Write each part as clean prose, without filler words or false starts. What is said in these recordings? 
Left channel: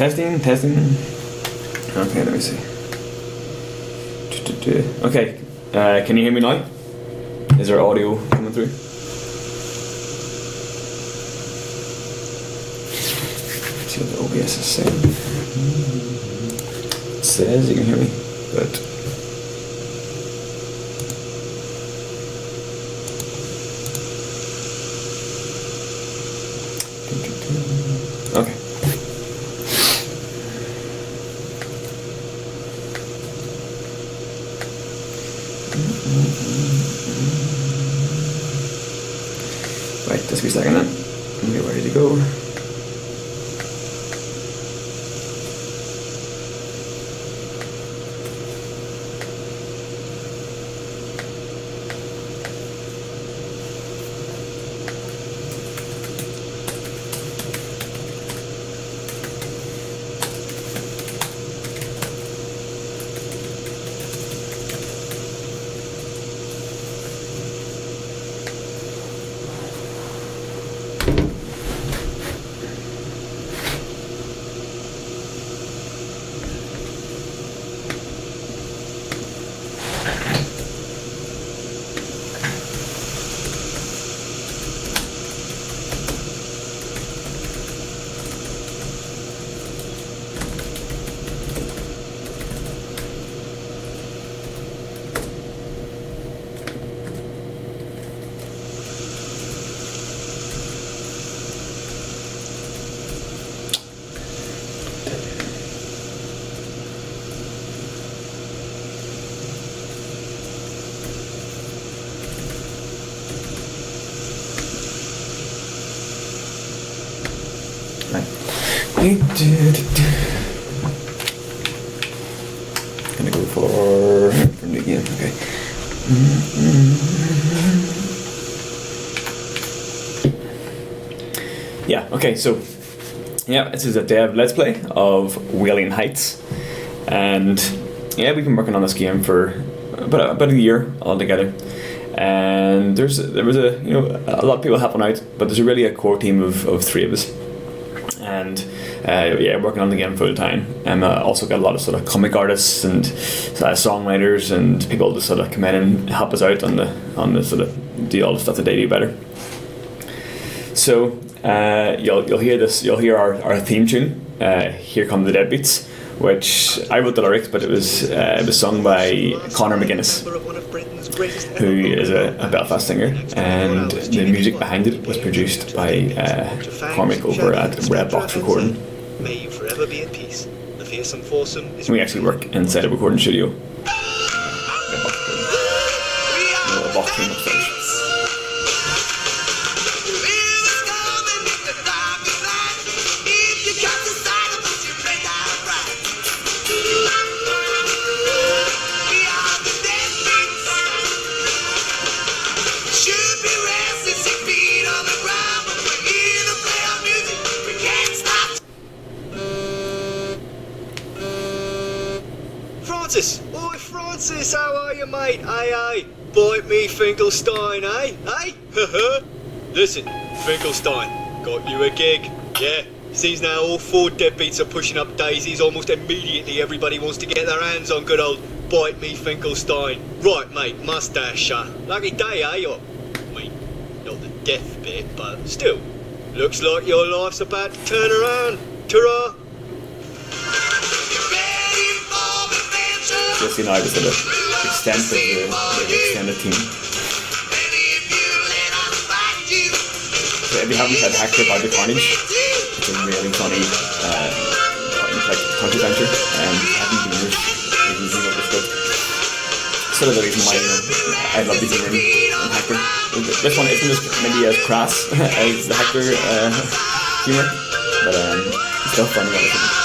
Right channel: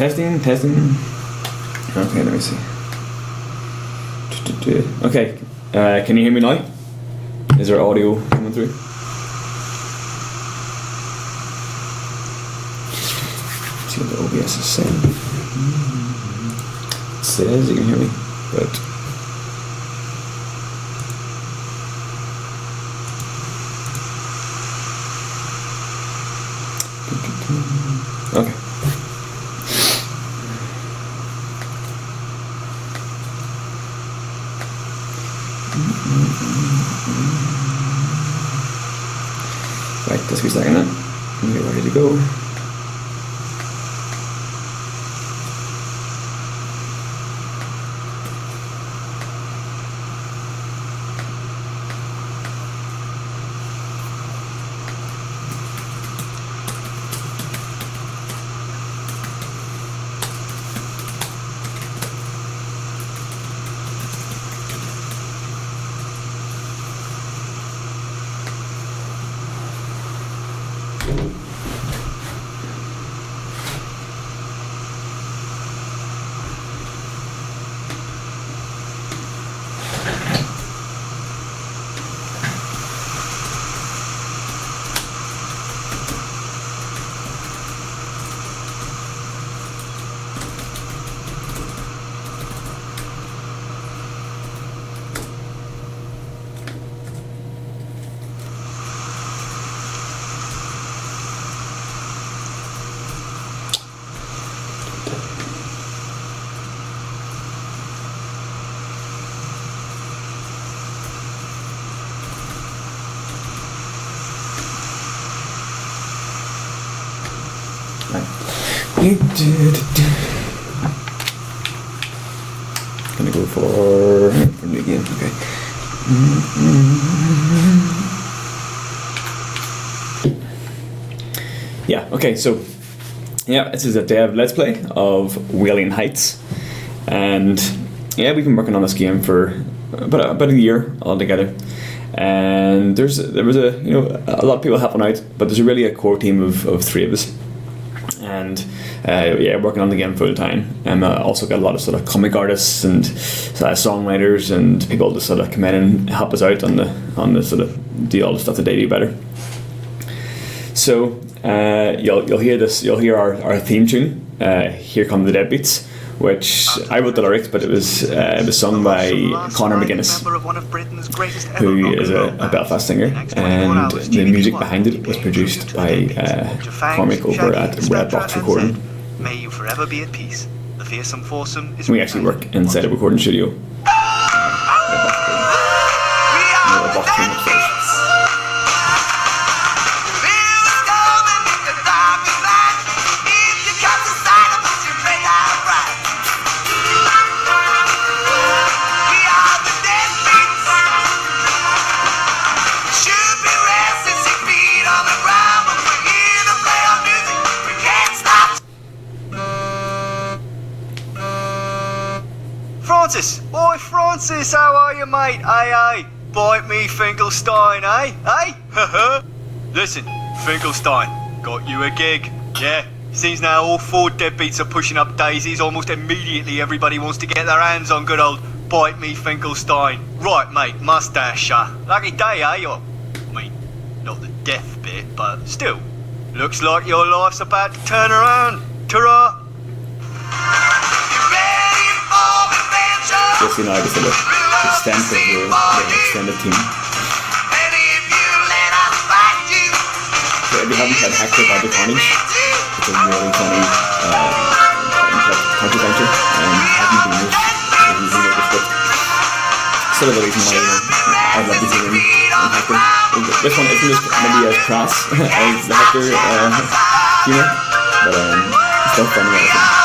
Testing. Okay, let me see. Okay, can you hear me now? Is there audio coming through? Let's see what the OBS is saying. It says you can hear me, but okay. Right, just a second then. Okay, ready to go. Right. Gonna go for new game. Okay. Yeah. Okay. So, yeah, this is a dev let's play of Wailing Heights, and yeah, we've been working on this game for about a year altogether. And there was a lot of people helping out, but there's really a core team of three of us. And working on the game full time. And also got a lot of sort of comic artists and songwriters and people to sort of come in and help us out on the sort of do all the stuff that they do better. So you'll hear our theme tune, Here Come the Deadbeats, which I wrote the lyrics, but it was sung by Conor McGuinness, who is a Belfast singer, and the music behind it was produced by Cormac over at Red Box Recording. May you forever be at peace. The fearsome foursome is we actually work inside a recording studio. Red Box team upstairs. Francis! Oi, Francis, how are you, mate? Aye. Bite me, Finkelstein, eh? Haha. Listen, Finkelstein, got you a gig. Yeah, seems now all four deadbeats are pushing up daisies. Almost immediately everybody wants to get their hands on good old Bite me, Finkelstein. Right, mate, mustache. Lucky day, eh? Or, I mean, not the death bit, but still. Looks like your life's about to turn around. Ta-ra! Just so you know, I was sort of extent of the extended team. So if you haven't had Hector by the Carnage, it's a really funny punch adventure, and haven't been used if you know the script. Sort of the reason why I love using him and Hector. This one isn't as maybe as crass as the Hector humor, but it's still funny. I think.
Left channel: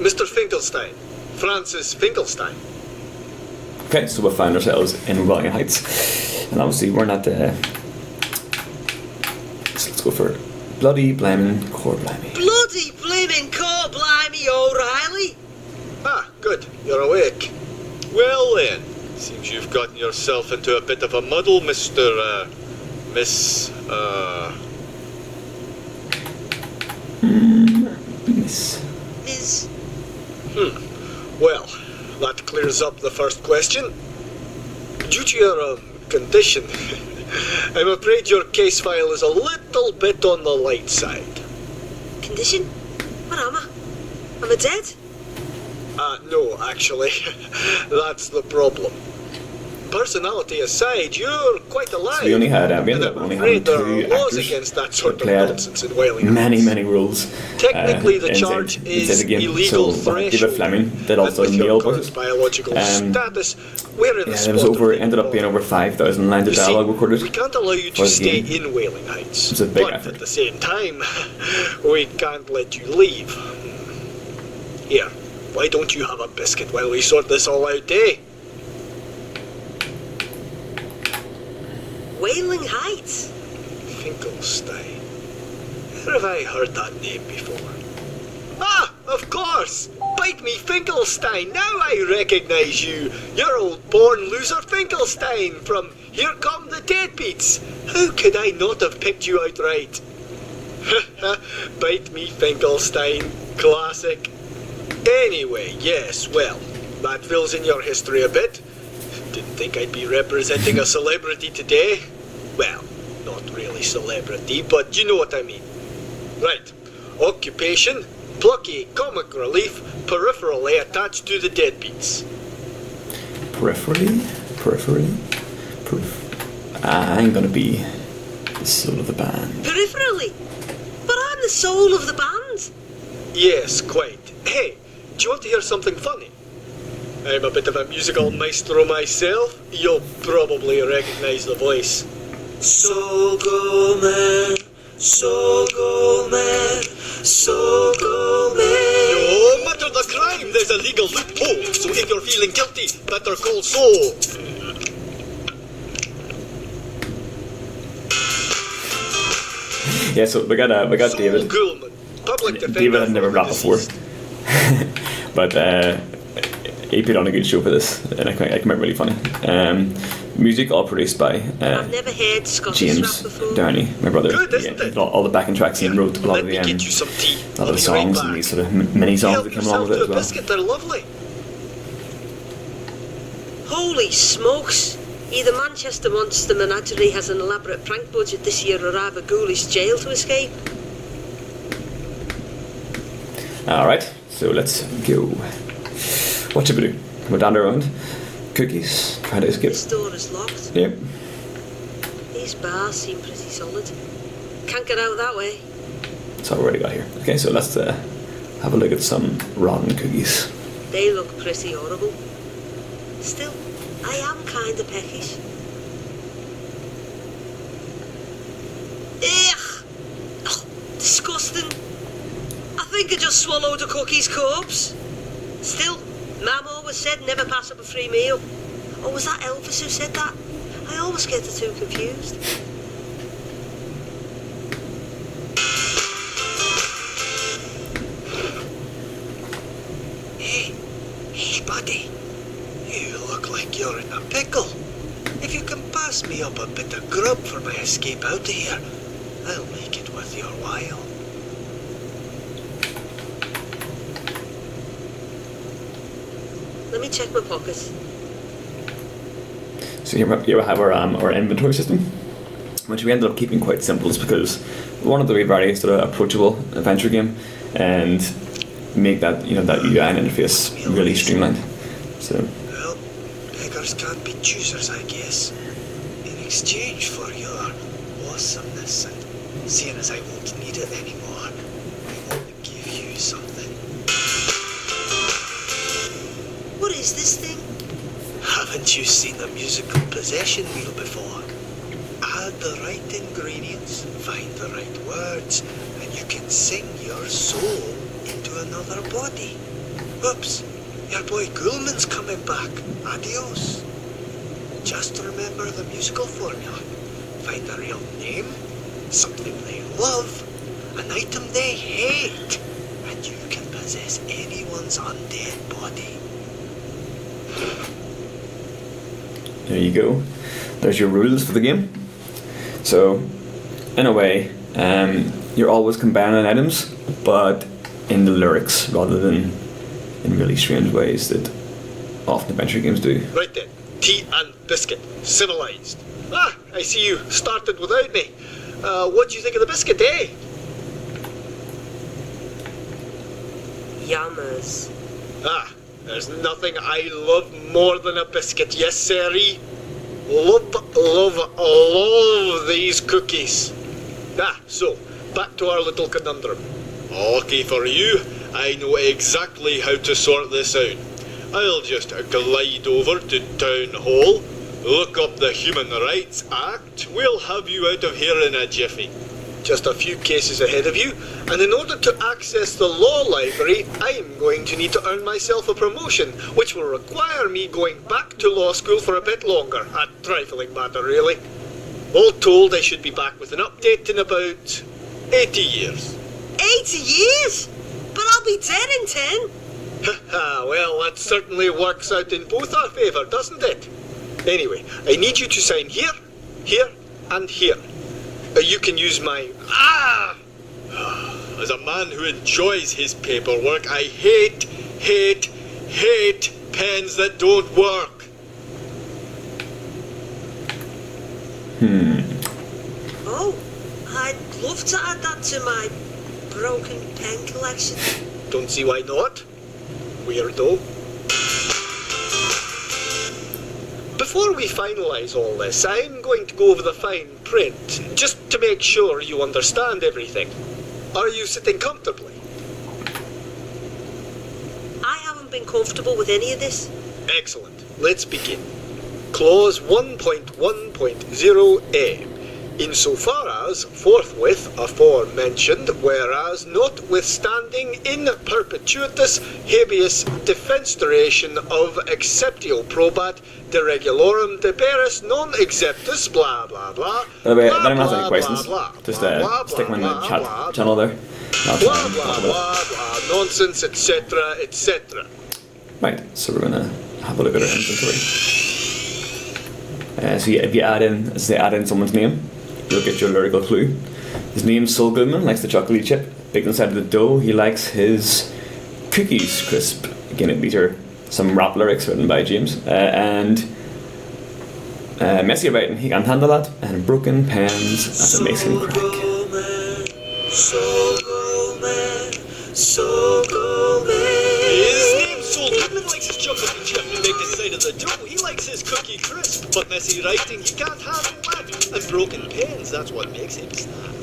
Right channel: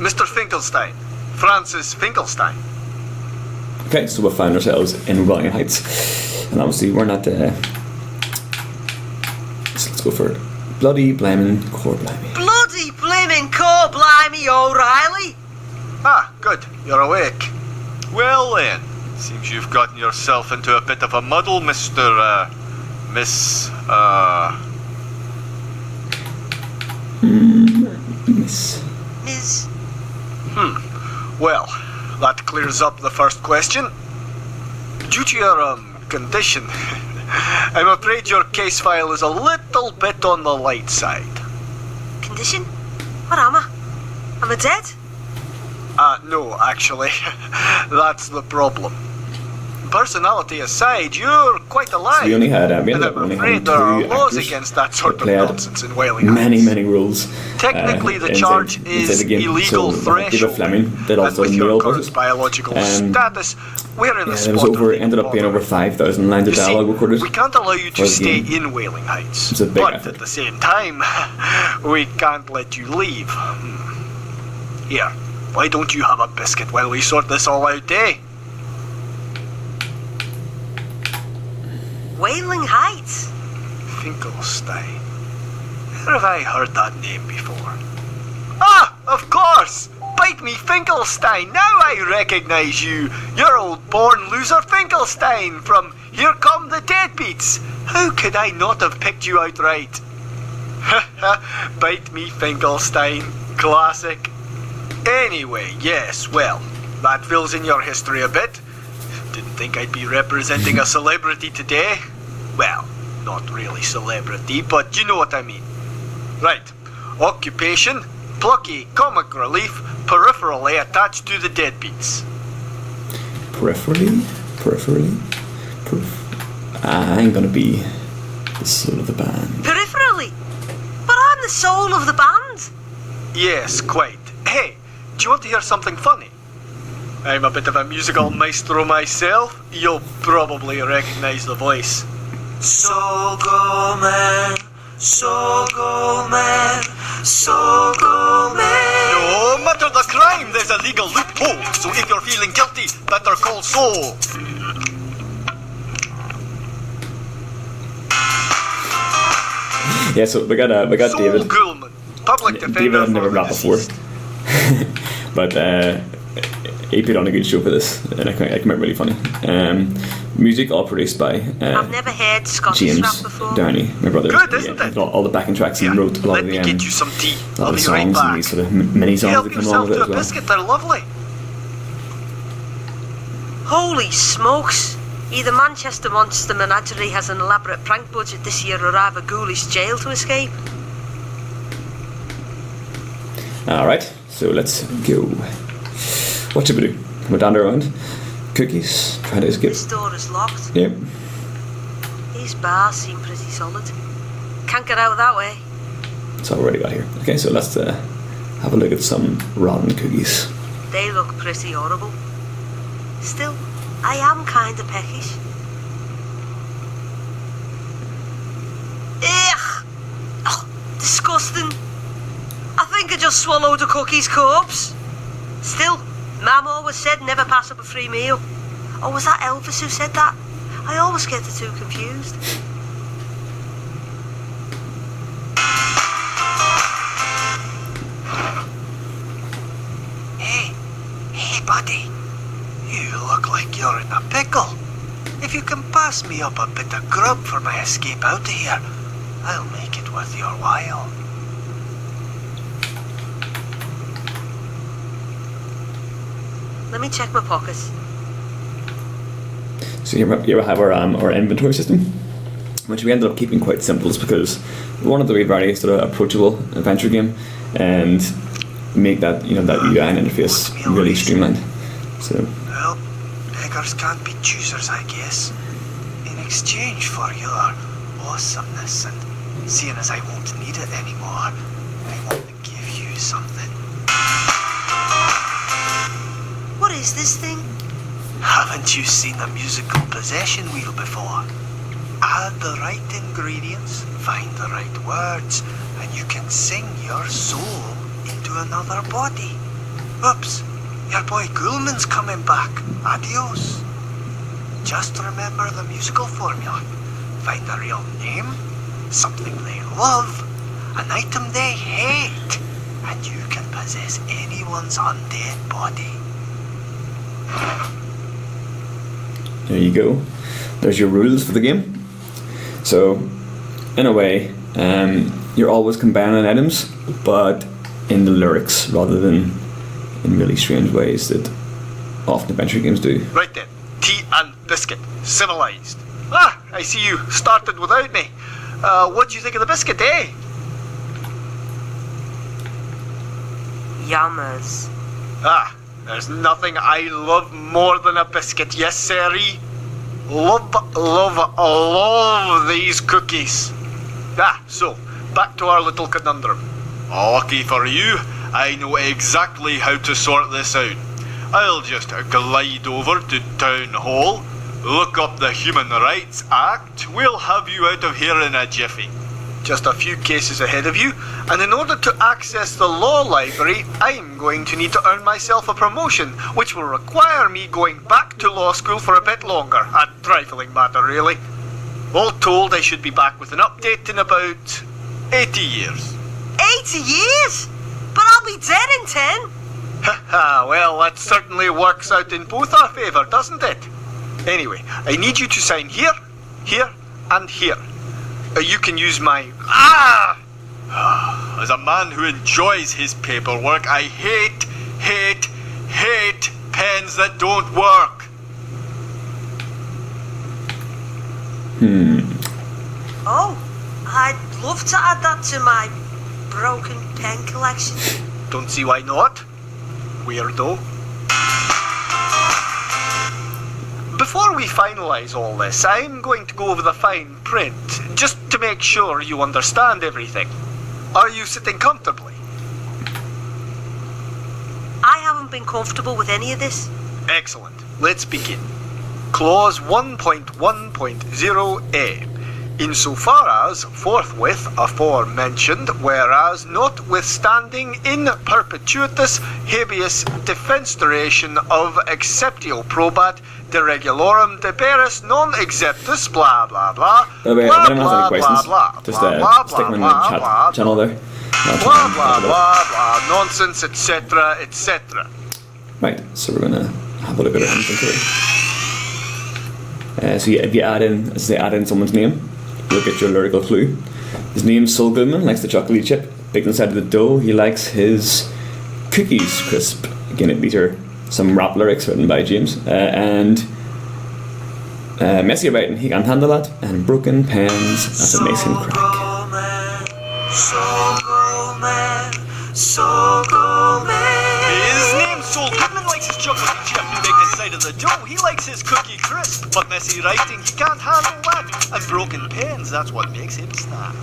Mr. Finkelstein. Francis Finkelstein. Okay, so we found ourselves in Wailing Heights, and obviously we're not so let's go for bloody blaming core blimey. Bloody blaming core blimey, O'Reilly! Ah, good. You're awake. Well then, seems you've gotten yourself into a bit of a muddle, Miss, Miss. Miss. Well, that clears up the first question. Due to your, condition, I'm afraid your case file is a little bit on the light side. Condition? What am I? Am I dead? No, actually. That's the problem. Personality aside, you're quite alive. So we only had we and ended up I'm only having afraid there are two laws actors against that that sort of played nonsense in Wailing many Heights. rules. Technically, the charge inside is the game. illegal So threshold. David Fleming did also and with your nail current voices. biological status, we're in the Yeah, spot there was ended up being over 5,000 lines of You see, dialogue recorded. we can't allow you for to the stay game. in Wailing Heights. It's a big but effort. at the same time, we can't let you leave. Here, why don't you have a biscuit while we sort this all out, eh? Wailing Heights? Finkelstein. Where have I heard that name before? Ah, of course! Bite me, Finkelstein! Now I recognize you! You're old born loser Finkelstein from Here Come the Deadbeats! How could I not have picked you out right? Bite me, Finkelstein. Classic. Anyway, yes, well, that fills in your history a bit. Didn't think I'd be representing a celebrity today. Well, not really celebrity, but you know what I mean. Right. Occupation, plucky comic relief, peripherally attached to the deadbeats. Peripherally? I'm gonna be the soul of the band. Peripherally? But I'm the soul of the band. Yes, quite. Hey, do you want to hear something funny? I'm a bit of a musical maestro myself. You'll probably recognize the voice. So go man, so go man, so go man. No matter the crime, there's a legal loophole. So if you're feeling guilty, better call so. Yeah, so we got Saul David. Goulman, public defender. David had never for rapped before, but he put on a good show for this, and I came out really funny. Music all produced by I've never heard Scottish James rap before. Downey, my brother. Good, isn't He it? did all the backing tracks and wrote a lot Let of me the get you some tea. a lot I'll of the be right songs back. and these sort of mini songs Help that come along yourself with to it a as well. biscuit, they're lovely. Holy smokes! Either Manchester Monster Menagerie has an elaborate prank budget this year or I have a ghoulish jail to escape. Alright, so let's go. What should we do? We're down around. Cookies, try to escape. This door is locked. Yep. These bars seem pretty solid. Can't get out that way. That's all we already got here. Okay, so let's have a look at some rotten cookies. They look pretty horrible. Still, I am kinda peckish. Ugh! Oh, disgusting. I think I just swallowed a cookie's corpse. Still, Mum always said never pass up a free meal. Or was that Elvis who said that? I always get the two confused. Hey, buddy. You look like you're in a pickle. If you can pass me up a bit of grub for my escape out of here, I'll make it worth your while. Let me check my pockets. So here we have our inventory system, which we ended up keeping quite simple, just because we wanted to be very sort of approachable adventure game and make that that UI and interface really streamlined. So Well, beggars can't be choosers, I guess. In exchange for your awesomeness and seeing as I won't need it anymore, I want to give you something. What is this thing? Haven't you seen a musical possession wheel before? Add the right ingredients, find the right words, and you can sing your soul into another body. Oops, your boy Ghoulman's coming back. Adios. Just remember the musical formula. Find a real name, something they love, an item they hate, and you can possess anyone's undead body. There you go. There's your rules for the game. So, in a way, you're always combining items, but in the lyrics rather than in really strange ways that often adventure games do. Right then, tea and biscuit, civilized. Ah, I see you started without me. What do you think of the biscuit, eh? Yummers. Ah, there's nothing I love more than a biscuit, yes sirree. Love these cookies. Ah, so, back to our little conundrum. Okay for you, I know exactly how to sort this out. I'll just glide over to Town Hall, look up the Human Rights Act, we'll have you out of here in a jiffy. Just a few cases ahead of you, and in order to access the law library, I'm going to need to earn myself a promotion, which will require me going back to law school for a bit longer. A trifling matter, really. All told, I should be back with an update in about 80 years. 80 years? But I'll be dead in 10. Haha, well, that certainly works out in both our favour, doesn't it? Anyway, I need you to sign here, here, and here. You can use my... As a man who enjoys his paperwork, I hate pens that don't work. Oh, I'd love to add that to my broken pen collection. Don't see why not. Weirdo. Before we finalise all this, I'm going to go over the fine print, just to make sure you understand everything. Are you sitting comfortably? I haven't been comfortable with any of this. Excellent. Let's begin. Clause 1.1.0a. Insofar as, forthwith, aforementioned, whereas notwithstanding in perpetuitus habeas defenestration of exceptio probat de regulorum deberis non exceptus blah blah blah. By the way, if blah, anyone has any blah, questions, blah, just blah, stick them in the blah, chat blah, channel there. blah blah blah blah nonsense etc etc. Right, so we're gonna have a look at our inventory. So yeah, if you add in someone's name, you'll get your lyrical clue. His name's Saul Goodman, likes the chocolatey chip. Baked inside of the dough, he likes his cookies crisp. Again, these are some rap lyrics written by James. And messy writing, he can't handle that. And broken pens, that's what makes him crack. His name's Saul Goodman, likes his chocolate chip baked inside of the dough. He likes his cookie crisp, but messy writing, he can't handle that. And broken pens, that's what makes him snap.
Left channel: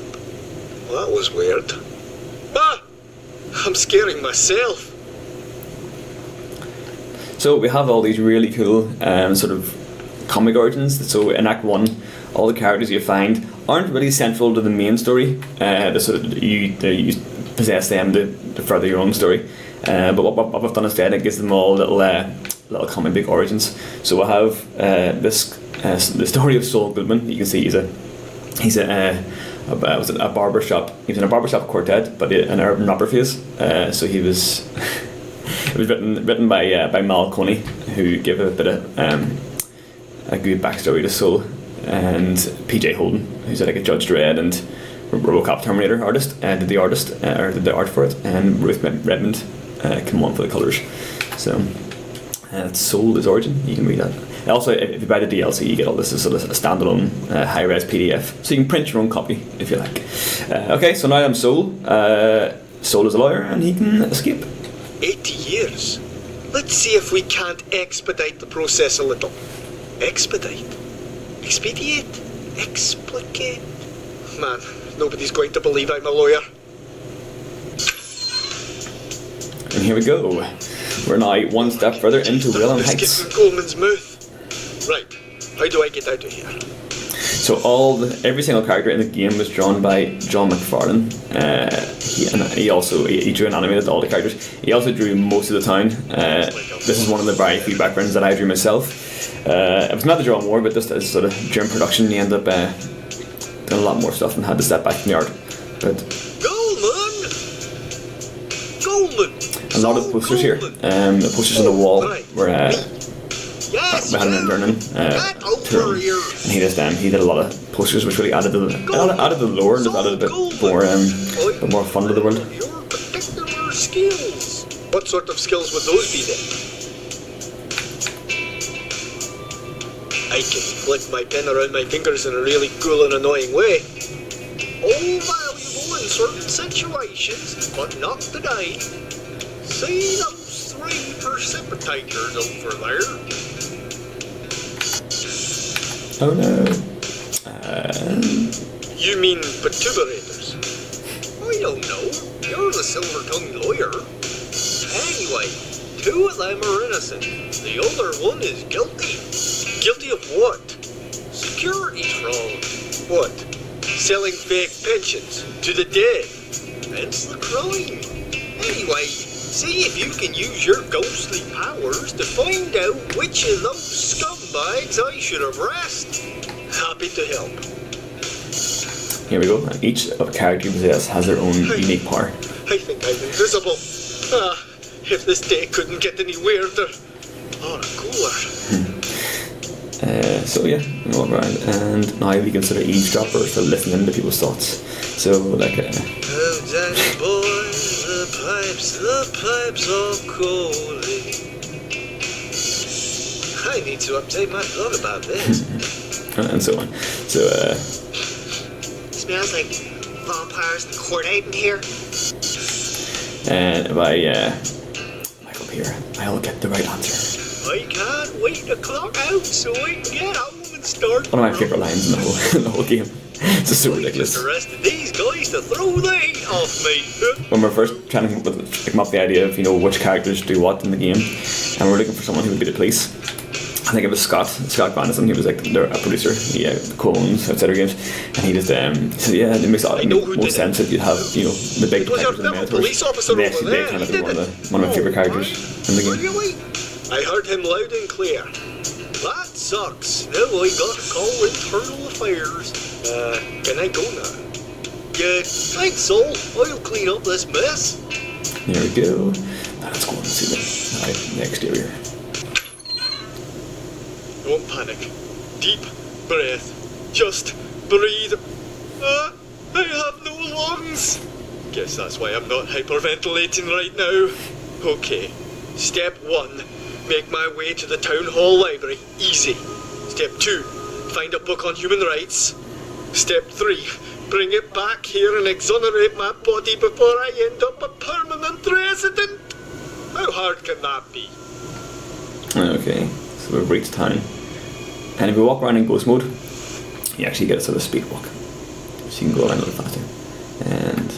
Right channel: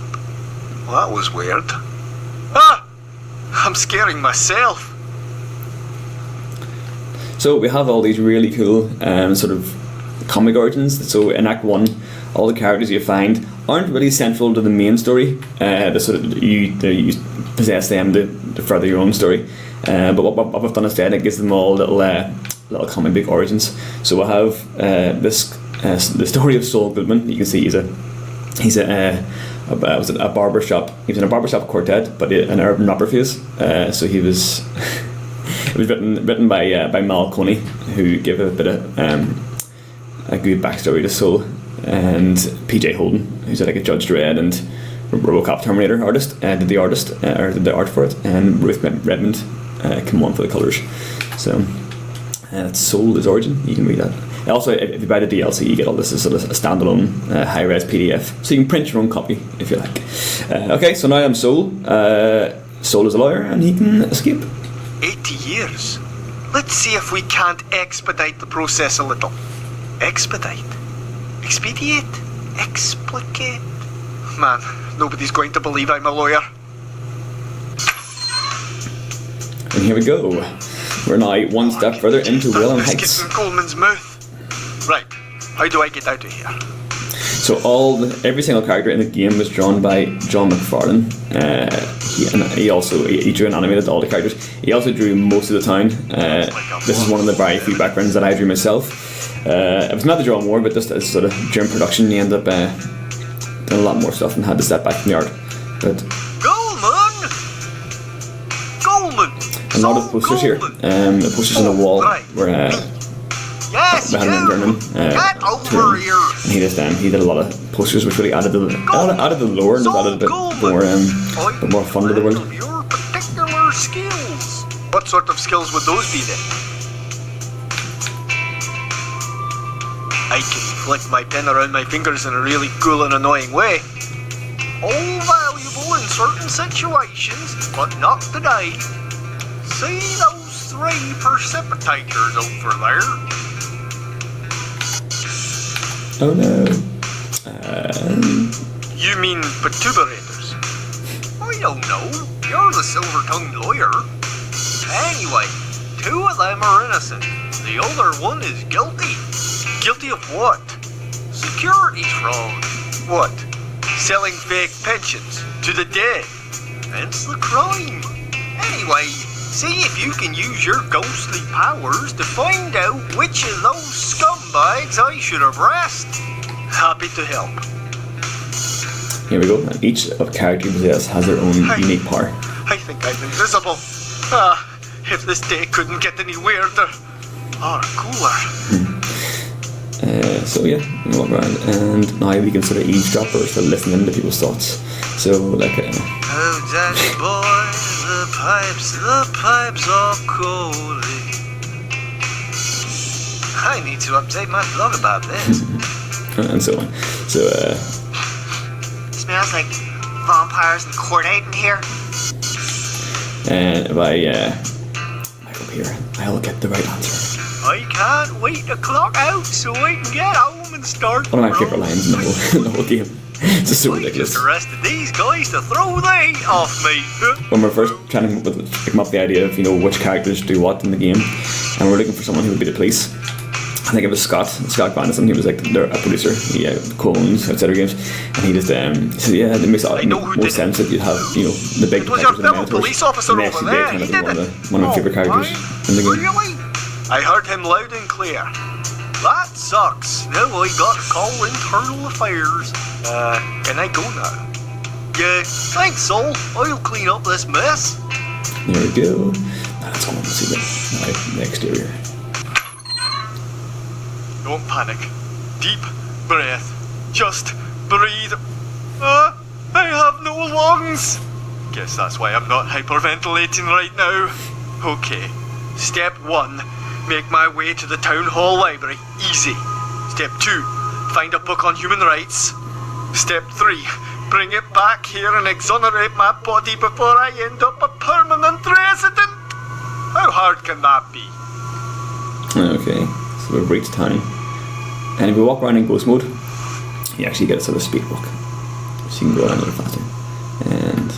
Well, that was weird. Ah! I'm scaring myself. So we have all these really cool sort of comic origins. So in Act 1, all the characters you find aren't really central to the main story. The sort of you possess them to further your own story. But what we've done instead, it gives them all little comic book origins. So we'll have the story of Saul Goodman. You can see he's a barbershop. He was in a barbershop quartet, but an urban rapper phase. So he was. It was written by Mal Coney, who gave a bit of a good backstory to Saul, and PJ Holden, who's like a Judge Dredd and RoboCop Terminator artist, did the art for it, and Ruth Redmond came on for the colours. So that's Saul, his origin. You can read that. Also, if you buy the DLC, you get all this as sort of a standalone high-res PDF, so you can print your own copy if you like. Okay, so now I'm Saul. Saul is a lawyer, and he can escape. 80 years? Let's see if we can't expedite the process a little. Expedite? Expedite? Explicate? Man, nobody's going to believe I'm a lawyer. And here we go. We're now one step further into Wailing Heights. In Coleman's mouth. Right, how do I get out of here? So every single character in the game was drawn by John McFarlane. he drew and animated all the characters. He also drew most of the town. This is one of the very few backgrounds that I drew myself. It was not to draw more, but just as sort of during production, he ended up doing a lot more stuff and had to step back from the art. But a lot of posters here. The posters on the wall were we had an intern in, and he did a lot of posters which really added to the lore and just added a bit more fun to the world. Your particular skills. What sort of skills would those be then? I can flick my pen around my fingers in a really cool and annoying way. All valuable in certain situations, but not today. See those 3 precipitators over there? Oh no. You mean perturbators? I don't know. You're the silver-tongued lawyer. Anyway, 2 of them are innocent. The other one is guilty. Guilty of what? Securities fraud. What? Selling fake pensions to the dead. That's the crime. Anyway, see if you can use your ghostly powers to find out which of those scumbags I should arrest. Happy to help. Here we go. And each of character possess has their own unique power. I think I'm invisible. If this day couldn't get any weirder or cooler. So yeah, we walk around, and now we can sort of eavesdrop or sort of listen into people's thoughts. So like, oh, Danny boy, the pipes are calling. I need to update my blog about this. and so on. So Smells like vampires and cordite in here. and if I back up here, I'll get the right answer. I can't wait to clock out so I can get home and start. One of my favorite lines in the whole game. It's just so ridiculous. Just arrested these guys to throw the heat off me. When we're first trying to come up with the idea of which characters do what in the game, and we're looking for someone who would be the police. I think it was Scott Grandison. He was like a producer. He co-owns Outsider Games, and he just said, "Yeah, it makes most sense that you'd have the big detectives and the mentors." And they actually did turn out to be one of my favorite characters in the game. Really? I heard him loud and clear. That sucks. Now I got to call internal affairs. Can I go now? Yeah, thanks, Sol. I'll clean up this mess. There we go. Now let's go and see the exterior. Don't panic. Deep breath. Just breathe. I have no lungs. Guess that's why I'm not hyperventilating right now. Okay. Step 1. Make my way to the town hall library. Easy. Step 2. Find a book on human rights. Step 3. Bring it back here and exonerate my body before I end up a permanent resident. How hard can that be? Okay, so we've reached town. And if we walk around in ghost mode, you actually get a sort of speed walk. So you can go around a little faster. And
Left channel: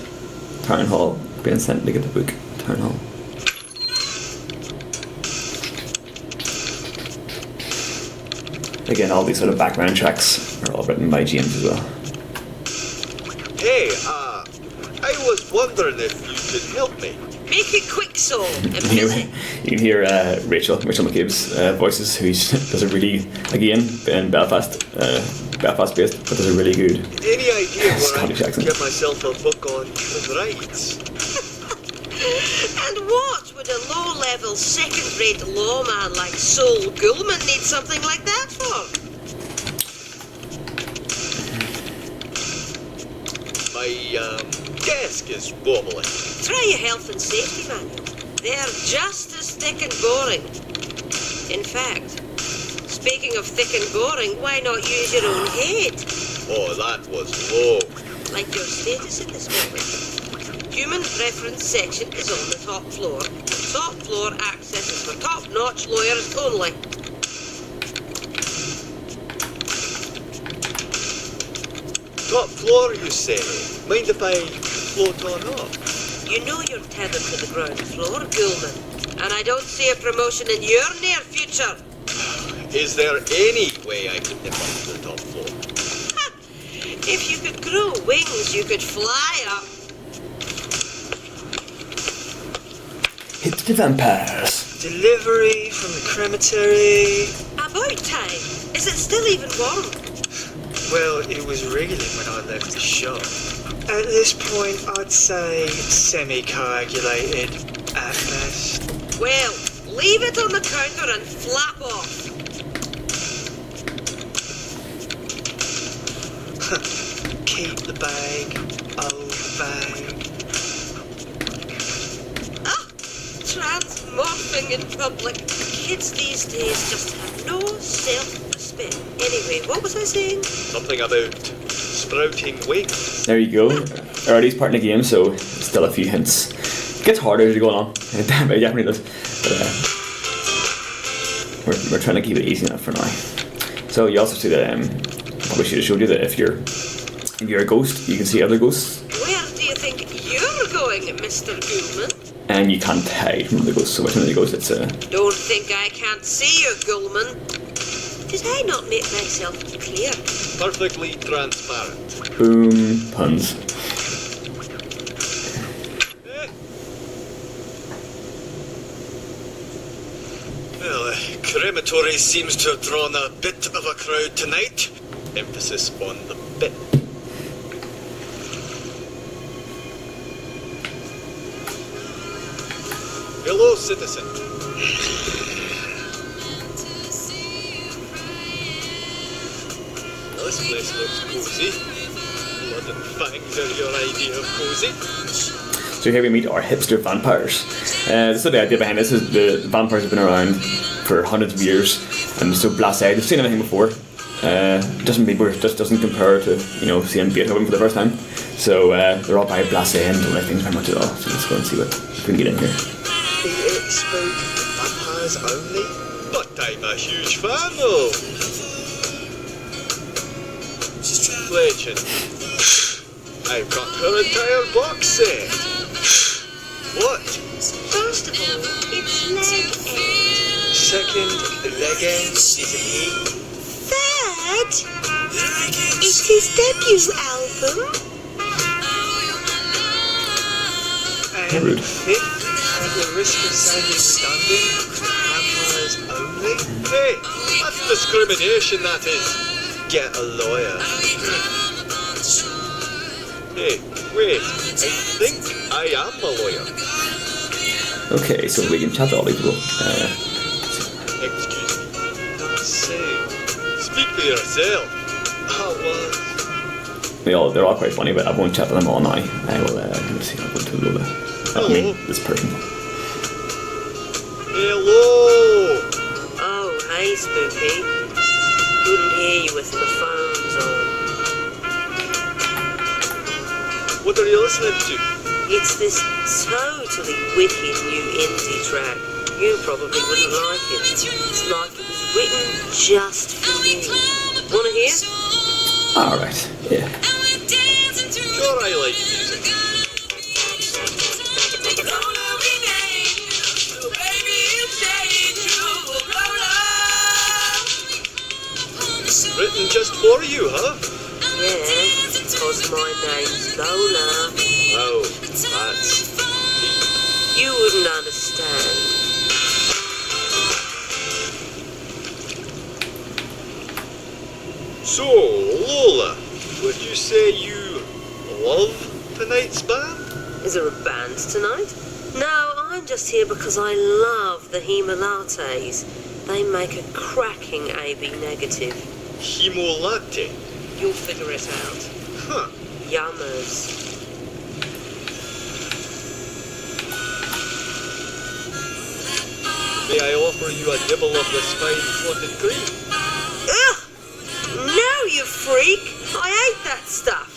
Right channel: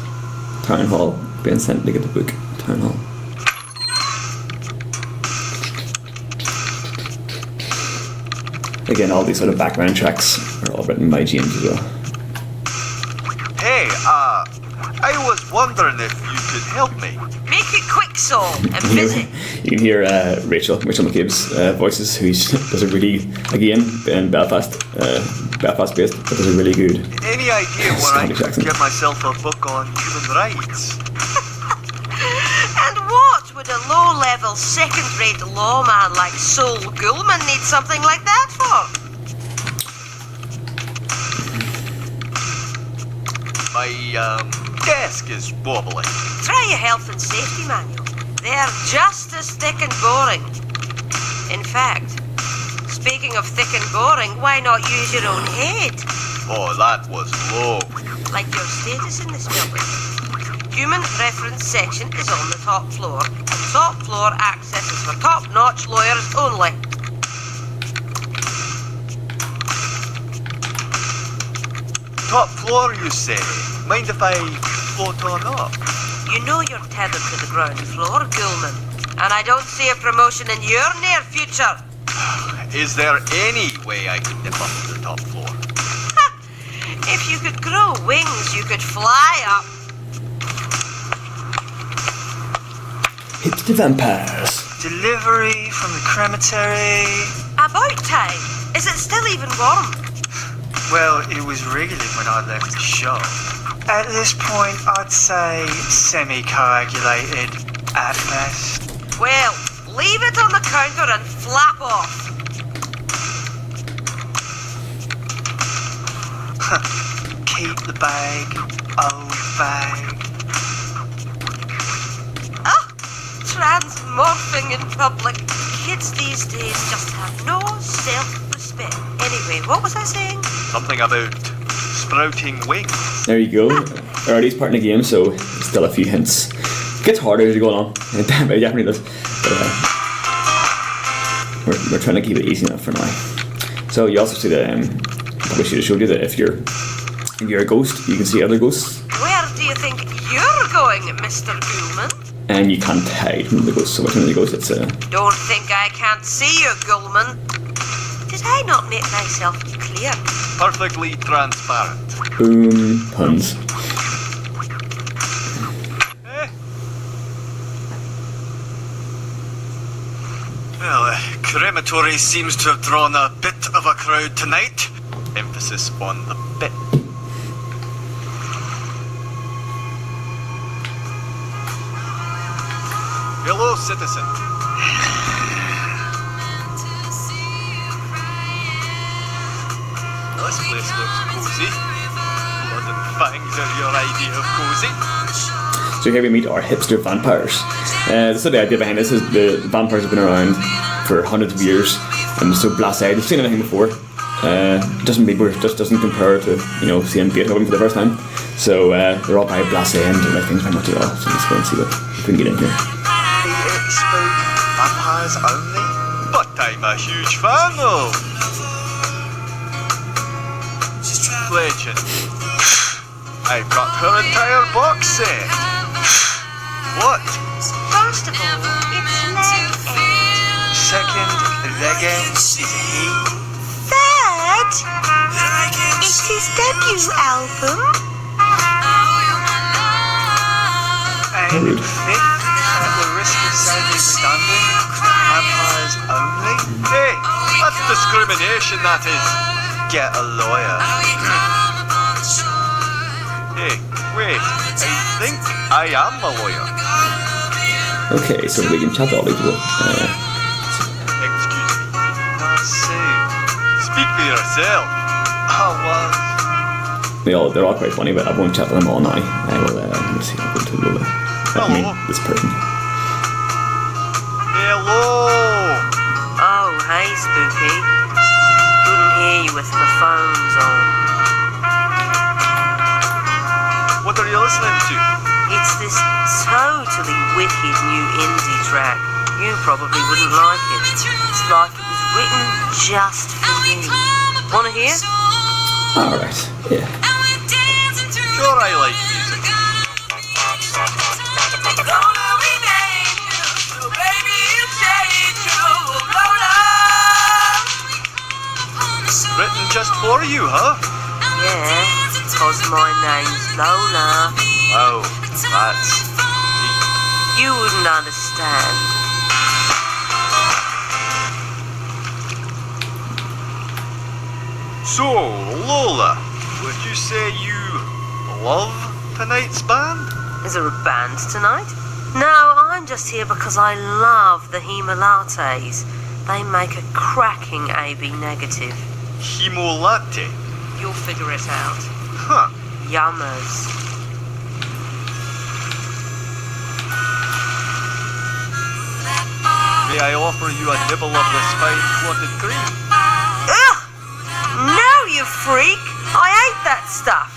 town hall, being sent to get the book. Town hall. Again, all these sort of background tracks are all written by James as well. Hey, I was wondering if you could help me. Make it quick, Sol. I'm busy. You can hear Rachel McCabe's voices, who does a really, again, in Belfast based, but does a really good Any idea where I Scottish can accent. get myself a book on human rights? And what would a low-level, second-rate lawman like Sol Goulman need something like that for? My desk is wobbly. Try your health and safety manual. They're just as thick and boring. In fact, speaking of thick and boring, why not use your own head? Oh, that was low. Like your status in this building. Human reference section is on the top floor. Top floor access is for top-notch lawyers only. Top floor, you say? Mind if I float on up? You know you're tethered to the ground floor, Goulman. And I don't see a promotion in your near future. Is there any way I can dip up to the top floor? If you could grow wings, you could fly up. Hipster vampires. Delivery from the crematory. About time. Is it still even warm? Well, it was wriggling when I left the shop. At this point, I'd say semi-coagulated at best. Well, leave it on the counter and flap off. Keep the bag, old bag. Ah, transmorphing in public. Kids these days just have no self-respect. Anyway, what was I saying? Something about sprouting wings. There you go. Early's part in the game, so still a few hints. It gets harder as you go along. It definitely does. But we're trying to keep it easy enough for now. So you also see that probably should have showed you that if you're a ghost, you can see other ghosts, Where do you think you're going, Mr. Gulman? and you can't hide from the ghosts. So which one of the ghosts? It's Don't think I can't see you, Gulman. Did I not make myself clear? Perfectly transparent. boom puns. Well, crematory seems to have drawn a bit of a crowd tonight. Emphasis on the bit. Hello, citizen. This place looks cozy. Blood and fangs are your idea of cozy. So here we meet our hipster vampires. So the idea behind this is the vampires have been around for hundreds of years and so blasé. They've seen anything before. Just doesn't compare to seeing Beethoven for the first time. So they're all very blasé and don't like things very much at all. So let's go and see what we can get in here. Spoke vampires only? But I'm a huge fan of Legend. I've got her entire box set. What? First of all, it's leg end. Second, leg end is a he. Third, it's his debut album. And Rude. fifth, at the risk of sounding redundant, vampires only? Hey, that's discrimination, that is. Get a lawyer. Hey, wait, I think I am a lawyer. Okay, so we can chat to all these people. Excuse me. Say, speak for yourself. Oh, well. They're all quite funny, but I won't chat to them all now. I will. Let me see. I'll go to Lola. I mean, this person. Hello. Oh, hey, Spooky. Couldn't hear you with my phones on. What are you listening to? It's this totally wicked new indie track. You probably wouldn't like it. It's like it was written just for you. Wanna hear? Alright, yeah. Sure, I like music. Written just for you, huh? Yeah, because my name's Lola. Oh, that's... You wouldn't understand. So, Lola, would you say you love tonight's band? Is there a band tonight? No, I'm just here because I love the Hemolates. They make a cracking AB negative. Hemo latte. You'll figure it out. Huh. Yummers. May I offer you a nibble of this fine clotted cream? Ugh! No, you freak! I hate that stuff.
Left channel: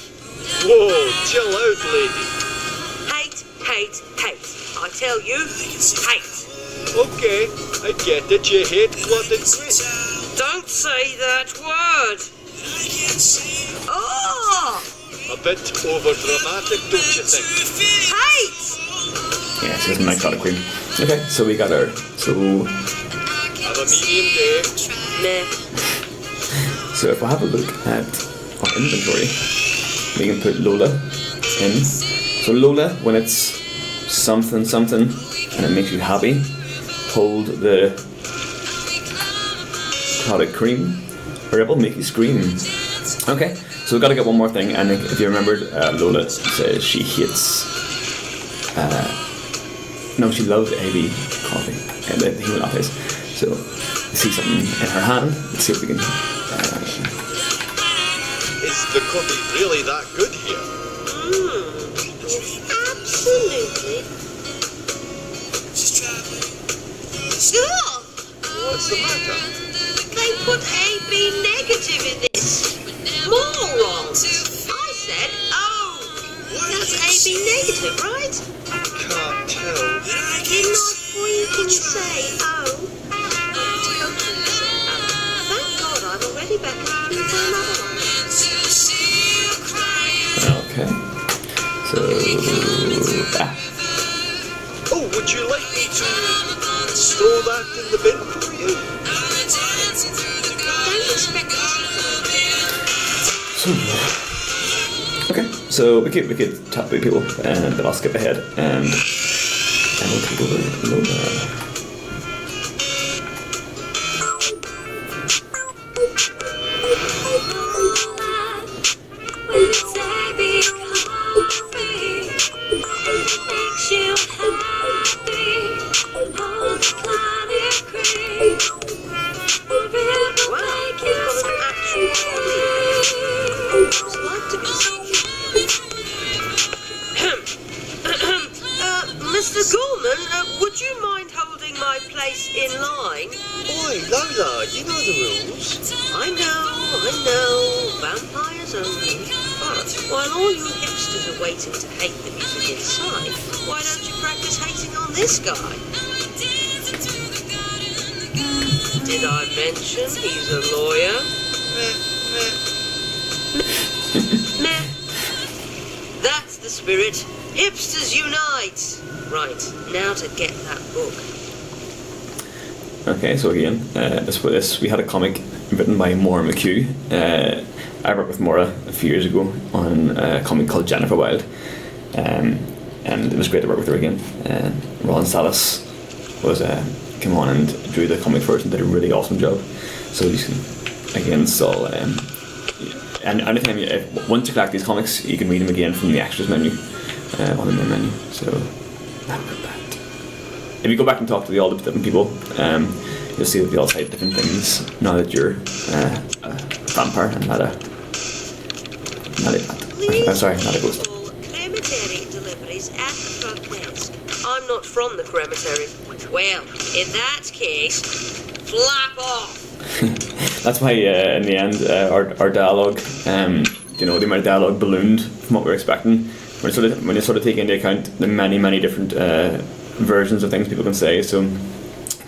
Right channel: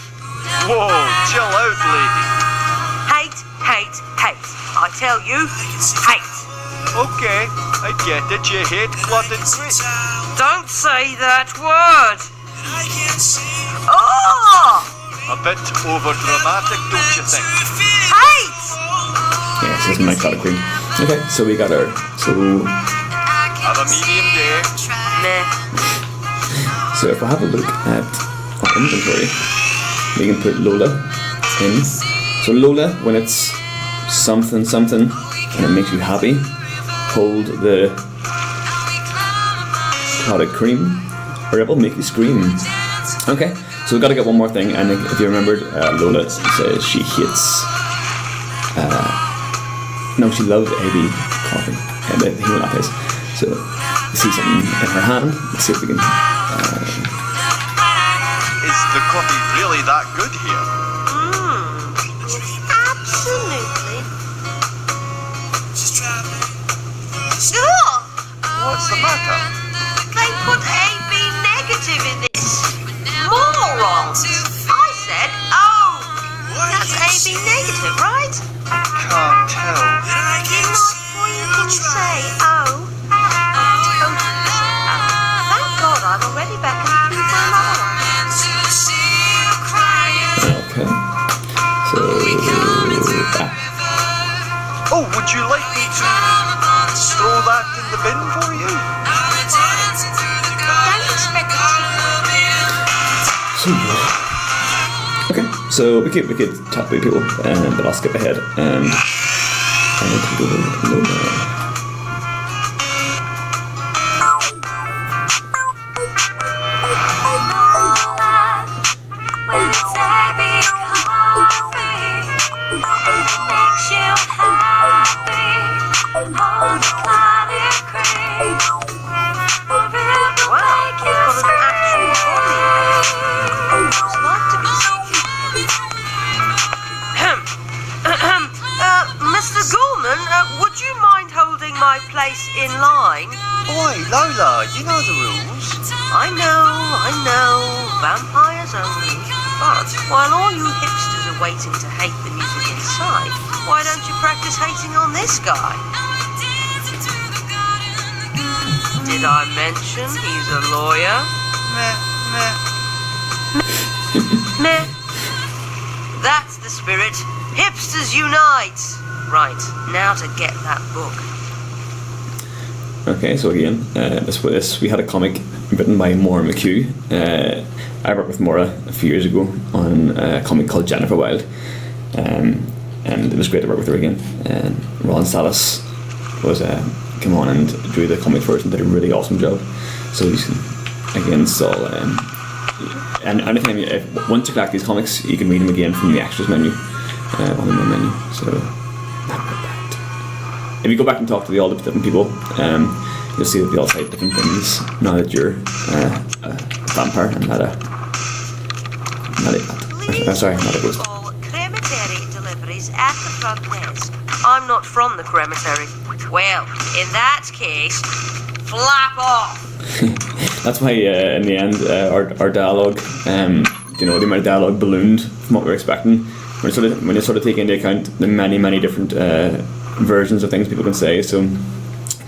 Whoa, chill out, lady. Hate, hate, hate. I tell you, hate. Okay, I get it. You hate clotted cream. Don't say that word. Oh! A bit over-dramatic, don't you think? Hate! Yeah, this isn't my cloud queen. Okay, so we got our. So Have a medium day. Meh. So if we have a look at our inventory, we can put Lola in. So Lola, when it's something something, and it makes you happy, hold the clotted cream, or it will make you scream. Okay, so we've got to get one more thing, and if you remembered, Lola says she hates... no, she loves AB coffee, and the human lattes. So, we see something in her hand. Let's see if we can... Is the coffee really that good here? Absolutely. What's the matter? They put AB negative in this. Morons. I said O. That's AB negative, right? Can't tell. Didn't I freaking say O? I totally said O. Thank God I've already beckoned you for another one. Okay. So... Oh, would you like me to throw that in the bin for you? Don't expect it. Okay, so we could talk to people, but I'll skip ahead and we'll take over Lola. Mr. Gorman, would you mind holding my place in line? Oi, Lola, you know the rules. I know, vampires only. But while all you hipsters are waiting to hate the music inside, why don't you practice hating on this guy? Did I mention he's a lawyer? Meh. That's the spirit. Hipsters unite! Right, now to get that book. Okay, so again, this we had a comic written by Maura McHugh. I worked with Maura a few years ago on a comic called Jennifer Wild, and it was great to work with her again. And Ron Salas was came on and drew the comic first and did a really awesome job. So you can again saw and anytime once you collect these comics, you can read them again from the extras menu on the main menu. So not bad. If you go back and talk to all the different people, you'll see that they all say different things now that you're a vampire and not a ghost. All crematory deliveries at the front desk. I'm not from the crematory. Well, in that case, flap off. That's why in the end our dialogue, the amount of dialogue ballooned from what we were expecting. When you sort of take into account the many different versions of things people can say, so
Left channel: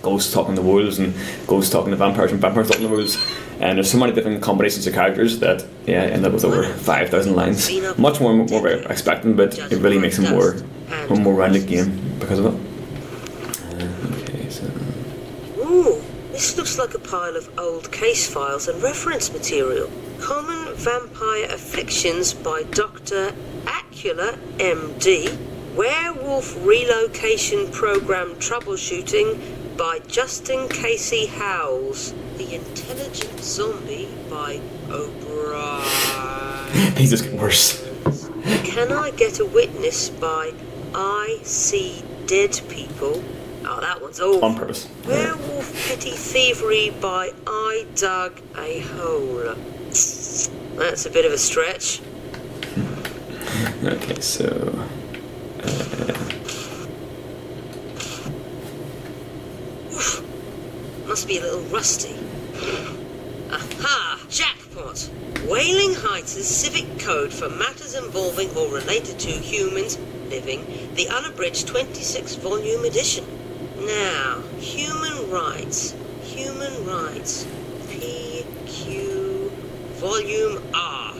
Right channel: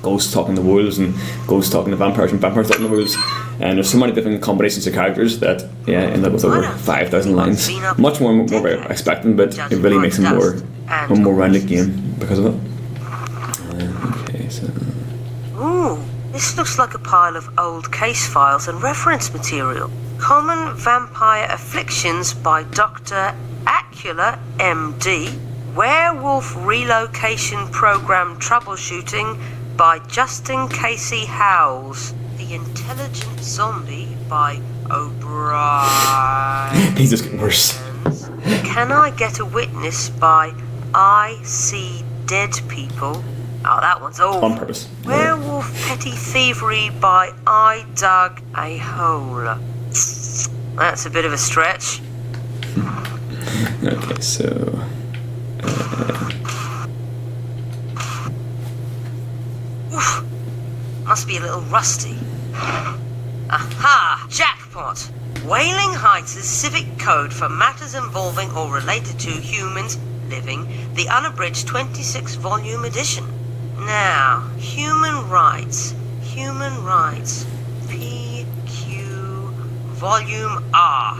ghosts talking to wolves and ghosts talking to vampires and vampires talking to wolves, and there's so many different combinations of characters that end up with over 5,000 lines. Much more we're expecting, but it really makes a more rounded game because of it. Okay, so Ooh, this looks like a pile of old case files and reference material. Common Vampire Afflictions by Dr. Acula, MD. Werewolf Relocation Program Troubleshooting by Justin Casey Howells. The Intelligent Zombie by O'Brien. these just get worse. Can I Get a Witness by I See Dead People. Oh, that one's old. On purpose. Werewolf Petty Thievery by I Dug a Hole. That's a bit of a stretch. Okay, so Must be a little rusty. Aha! Jackpot! Wailing Heights' Civic Code for Matters Involving or Related to Humans Living, the unabridged 26-volume edition. Now, human rights, PQ, Volume R.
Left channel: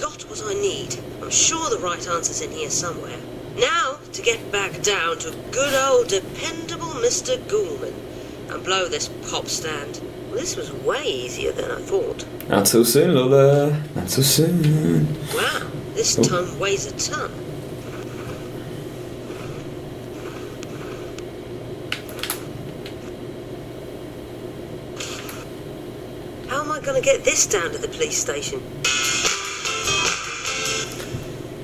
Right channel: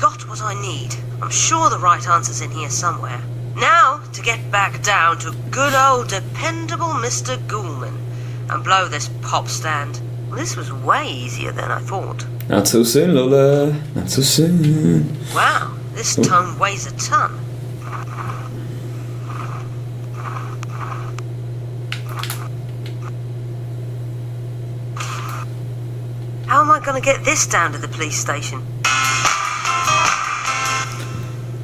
Got what I need. I'm sure the right answer's in here somewhere. Now, to get back down to good old dependable Mr. Ghoulman and blow this pop stand. Well, this was way easier than I thought. not so soon, Lola. Not so soon. Wow, this tome weighs a ton. going to get this down to the police station?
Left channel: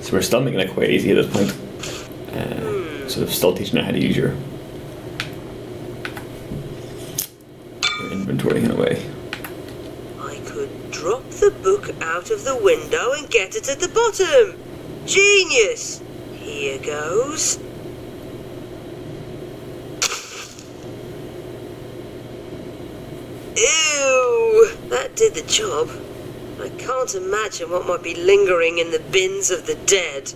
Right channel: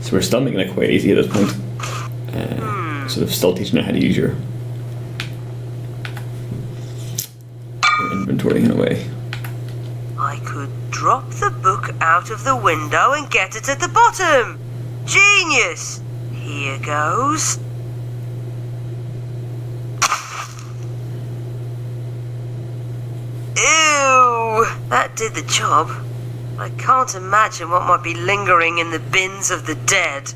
So we're still making it quite easy at this point. Sort of still teaching you how to use your inventory in a way. I could drop the book out of the window and get it at the bottom. Genius! Here goes. Ew! That did the job. I can't imagine what might be lingering in the bins of the dead.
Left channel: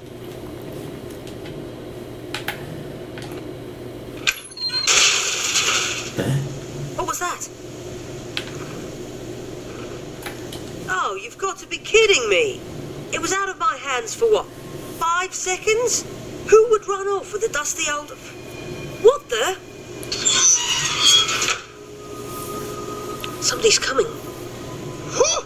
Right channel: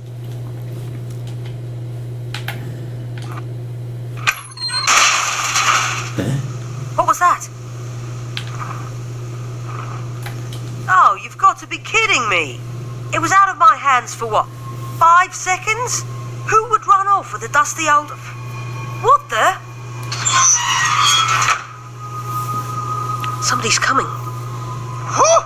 What was that? Oh, you've got to be kidding me. It was out of my hands for what, 5 seconds? Who would run off with a dusty old... What the? Somebody's coming. Whew!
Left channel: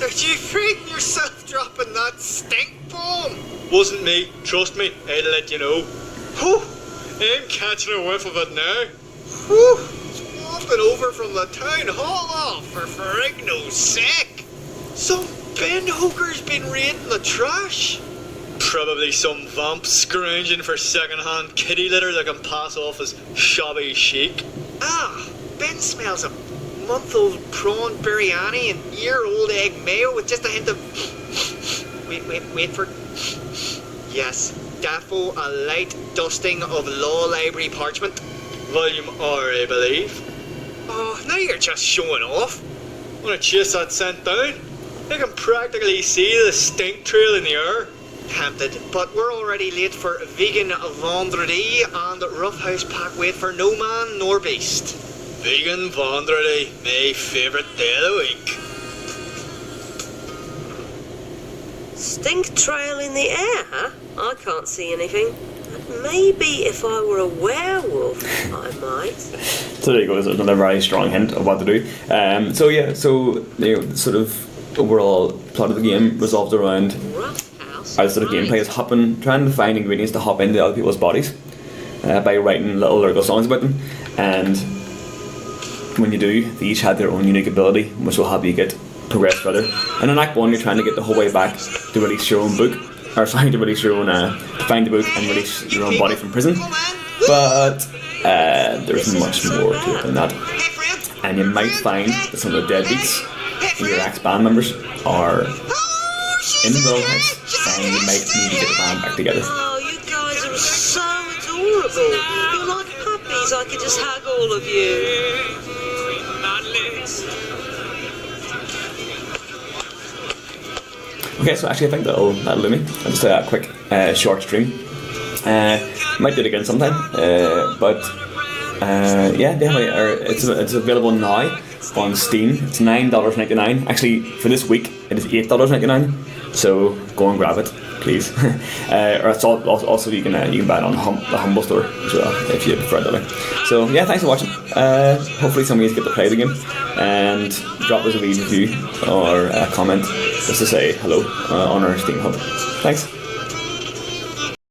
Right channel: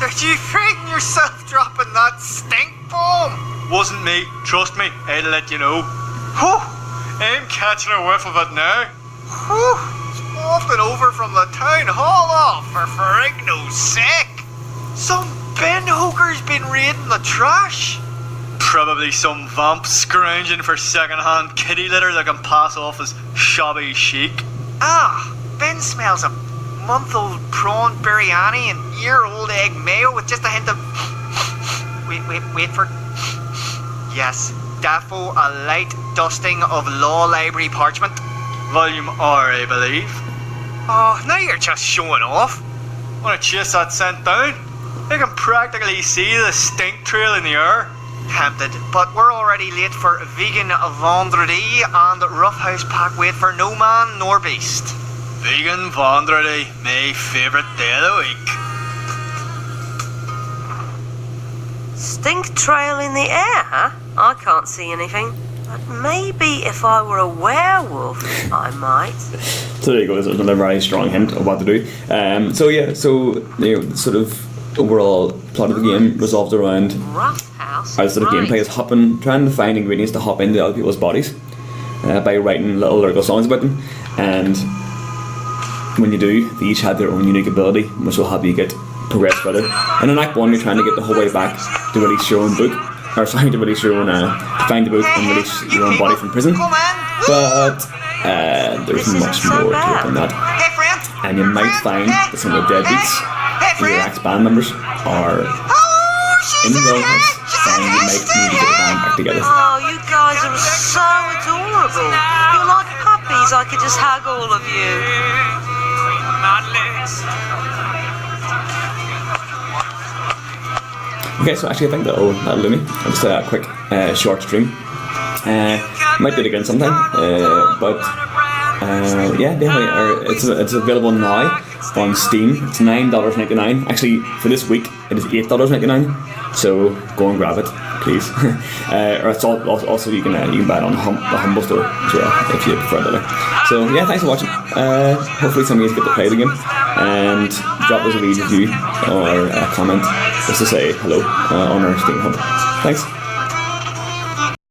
Did you frighten yourself dropping that stink bomb? Wasn't me, trust me, I'd let you know. Whew! I'm catching a whiff of it now. Whew! It's wafting over from the town hall off for Ferrigno's sake. Some bin hooker's been raiding the trash. Probably some vamp scrounging for second-hand kitty litter that can pass off as shabby chic. Ah, Ben smells a month-old prawn biryani and year-old egg mayo with just a hint of... Wait for... Yes, Daffo, a light dusting of law library parchment. Volume R, I believe. Oh, now you're just showing off. Wanna chase that scent down? I can practically see the stink trail in the air. Tempted, but we're already late for vegan vendredi and roughhouse pack wait for no man nor beast. Vegan vendredi, my favourite day of the week. Stink trail in the air, huh? I can't see anything. But maybe if I were a werewolf, I might. So there you go. There's another very strong hint of what to do. So you know, sort of overall plot of the game resolved around how the sort of gameplay is trying to find ingredients to hop into other people's bodies by writing little lyrical songs about them. And when you do, they each have their own unique ability, which will help you progress further. And in Act 1, you're trying to get the whole way back to release your own book, to find the book and release your own body from prison. But there's much more to it than that. And you might find that some of the deadbeats in your ex-band members are in the wilderness, and you might need to get the band back together. Oh, you guys are so adorable. You're like puppies. I could just hug all of you. Okay, so actually I think that'll do me. I'll just a quick short stream. Might do it again sometime, but yeah, definitely. It's available now on Steam. It's $9.99. Actually, for this week, it is $8.99. So go and grab it, please. Or it's also you can buy it on the Humble Store as well if you prefer that way. So yeah, thanks for watching. Hopefully some of you get to play the game and drop us a wee review or a comment just to say hello on our Steam Hub. Thanks.